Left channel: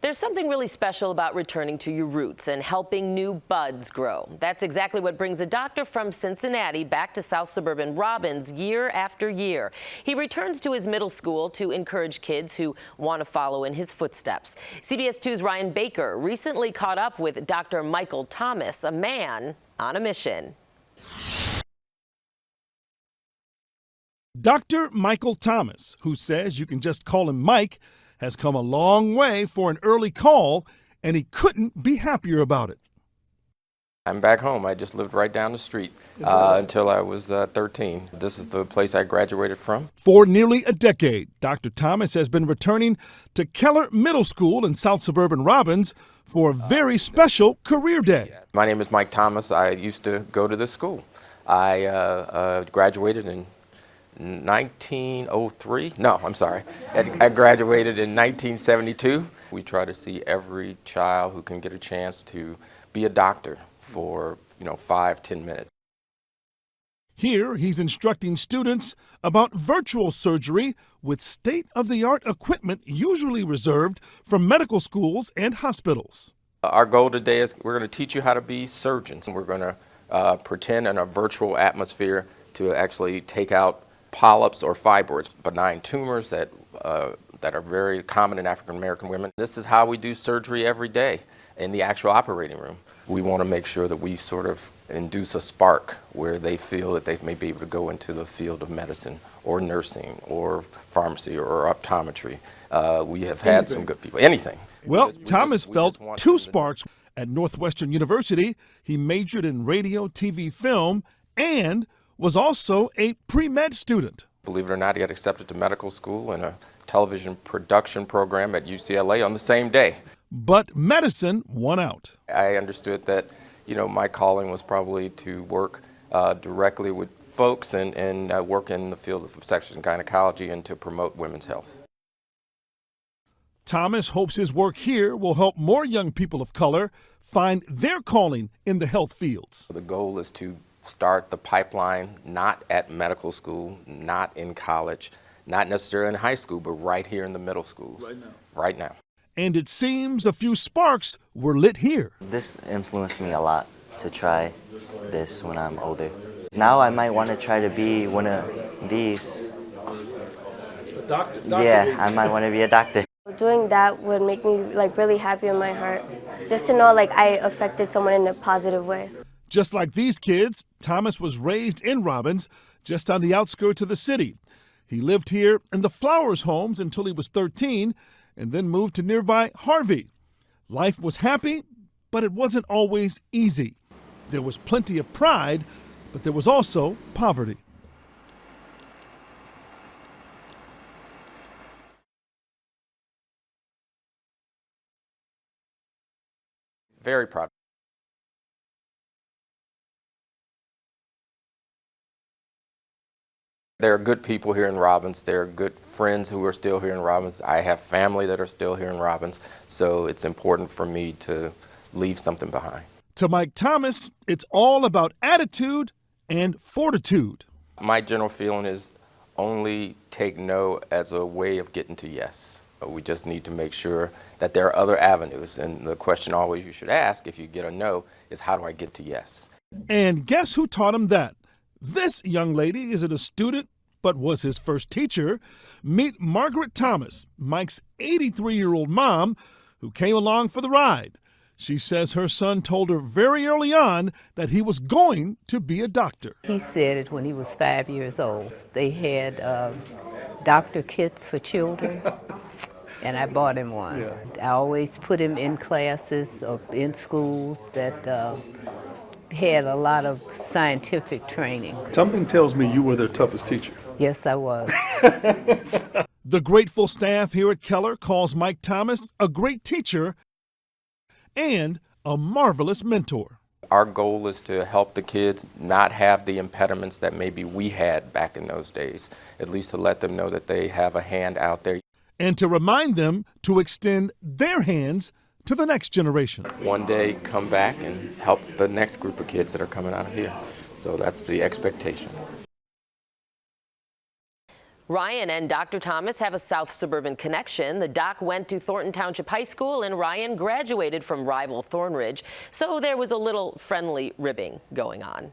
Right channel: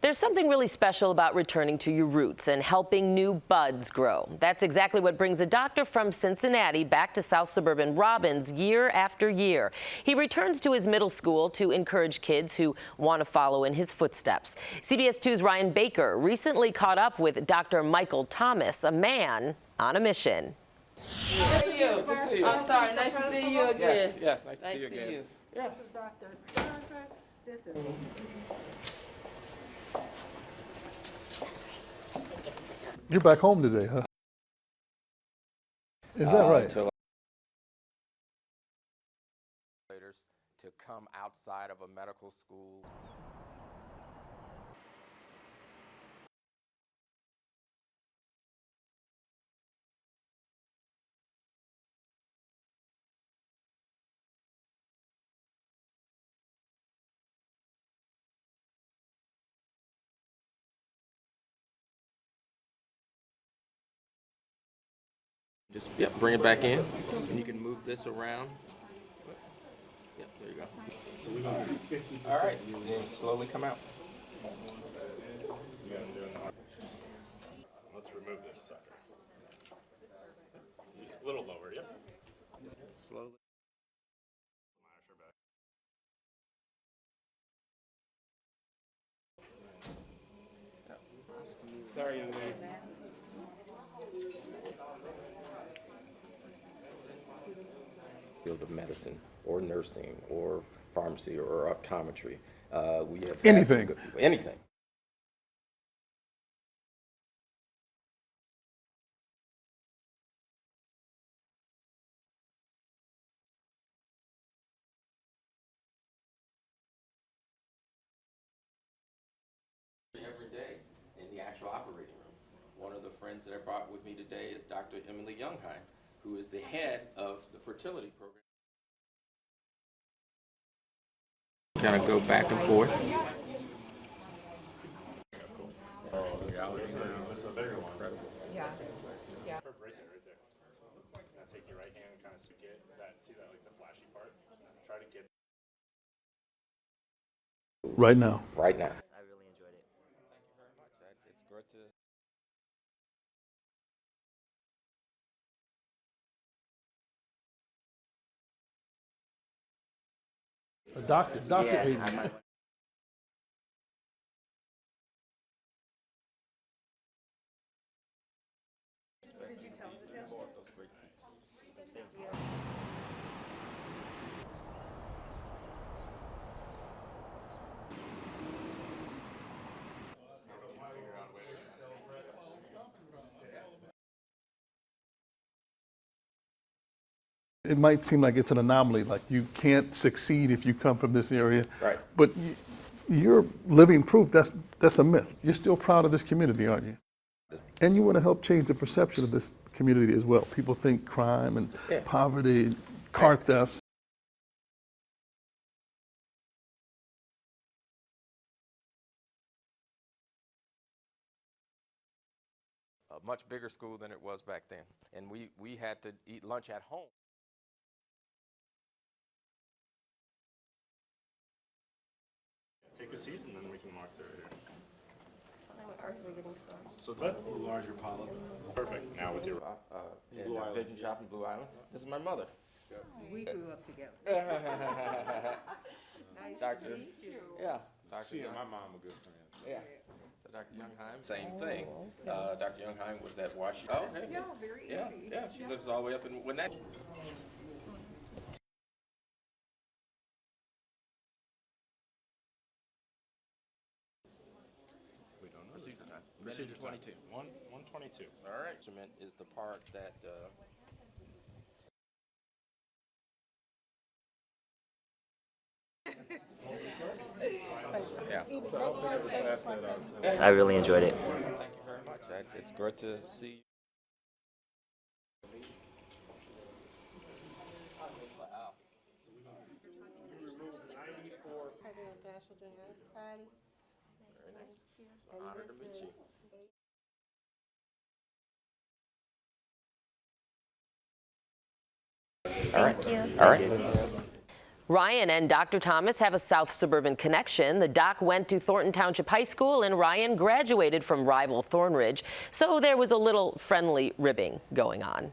There's something really special about returning to your roots and helping new buds grow. That's exactly what brings a doctor from Cincinnati back to South Suburban Robbins year after year. He returns to his middle school to encourage kids who want to follow in his footsteps. CBS 2's Ryan Baker recently caught up with Dr. Michael Thomas, a man on a mission. I'm sorry, nice to see you again. Dr. Michael Thomas, who says you can just call him Mike, has come a long way for an early call, and he couldn't be happier about it. You're back home today, huh? I'm back home. I just lived right down the street until I was 13. This is the place I graduated from. For nearly a decade, Dr. Thomas has been returning to Keller Middle School in South Suburban Robbins for a very special career day. My name is Mike Thomas. I used to go to this school. I graduated in 1903. No, I'm sorry. I graduated in 1972. We try to see every child who can get a chance to be a doctor for 5-10 minutes. Just bring it back in. Here, he's instructing students about virtual surgery with state-of-the-art equipment usually reserved for medical schools and hospitals. Our goal today is we're going to teach you how to be surgeons. We're going to pretend in a virtual atmosphere to actually take out polyps or fibroids, benign tumors that are very common in African American women. This is how we do surgery every day in the actual operating room. We want to make sure that we sort of induce a spark where they feel that they may be able to go into the field of medicine or nursing or pharmacy or optometry. We have had some good people. Anything. Well, Thomas felt two sparks. At Northwestern University, he majored in radio, TV, film, and was also a pre-med student. Believe it or not, he got accepted to medical school and a television production program at UCLA on the same day. But medicine won out. I understood that, my calling was probably to work directly with folks and work in the field of obstetrics and gynecology and to promote women's health. Kind of go back and forth. Thomas hopes his work here will help more young people of color find their calling in the health fields. The goal is to start the pipeline not at medical school, not in college, not necessarily in high school, but right here in the middle school. Right now. Right now. And it seems a few sparks were lit here. This influenced me a lot to try this when I'm older. Now I might want to try to be one of these. A doctor? Yeah, I might want to be a doctor. Doing that would make me really happy in my heart, just to know I affected someone in a positive way. Just like these kids, Thomas was raised in Robbins, just on the outskirts of the city. He lived here in the Flowers homes until he was 13 and then moved to nearby Harvey. Life was happy, but it wasn't always easy. There was plenty of pride, but there was also poverty. It might seem like it's an anomaly, like you can't succeed if you come from this area. Right. But you're living proof that's a myth. You're still proud of this community, aren't you? Very proud. And you want to help change the perception of this community as well. People think crime and poverty, car thefts. There are good people here in Robbins. There are good friends who are still here in Robbins. I have family that are still here in Robbins. So it's important for me to leave something behind. To Mike Thomas, it's all about attitude and fortitude. My general feeling is only take no as a way of getting to yes. We just need to make sure that there are other avenues. And the question always you should ask if you get a no is, how do I get to yes? And guess who taught him that? This young lady isn't a student, but was his first teacher. Meet Margaret Thomas, Mike's 83-year-old mom, who came along for the ride. She says her son told her very early on that he was going to be a doctor. He said it when he was 5 years old. They had doctor kits for children, and I bought him one. Yeah. I always put him in classes or in schools that had a lot of scientific training. Something tells me you were their toughest teacher. Yes, I was. The grateful staff here at Keller calls Mike Thomas a great teacher. I really enjoyed it. And a marvelous mentor. Our goal is to help the kids not have the impediments that maybe we had back in those days, at least to let them know that they have a hand out there. And to remind them to extend their hands to the next generation. One day come back and help the next group of kids that are coming out of here. So that's the expectation. All right. Thank you. All right. Ryan and Dr. Thomas have a South Suburban connection. The doc went to Thornton Township High School and Ryan graduated from rival Thornridge, so there was a little friendly ribbing going on.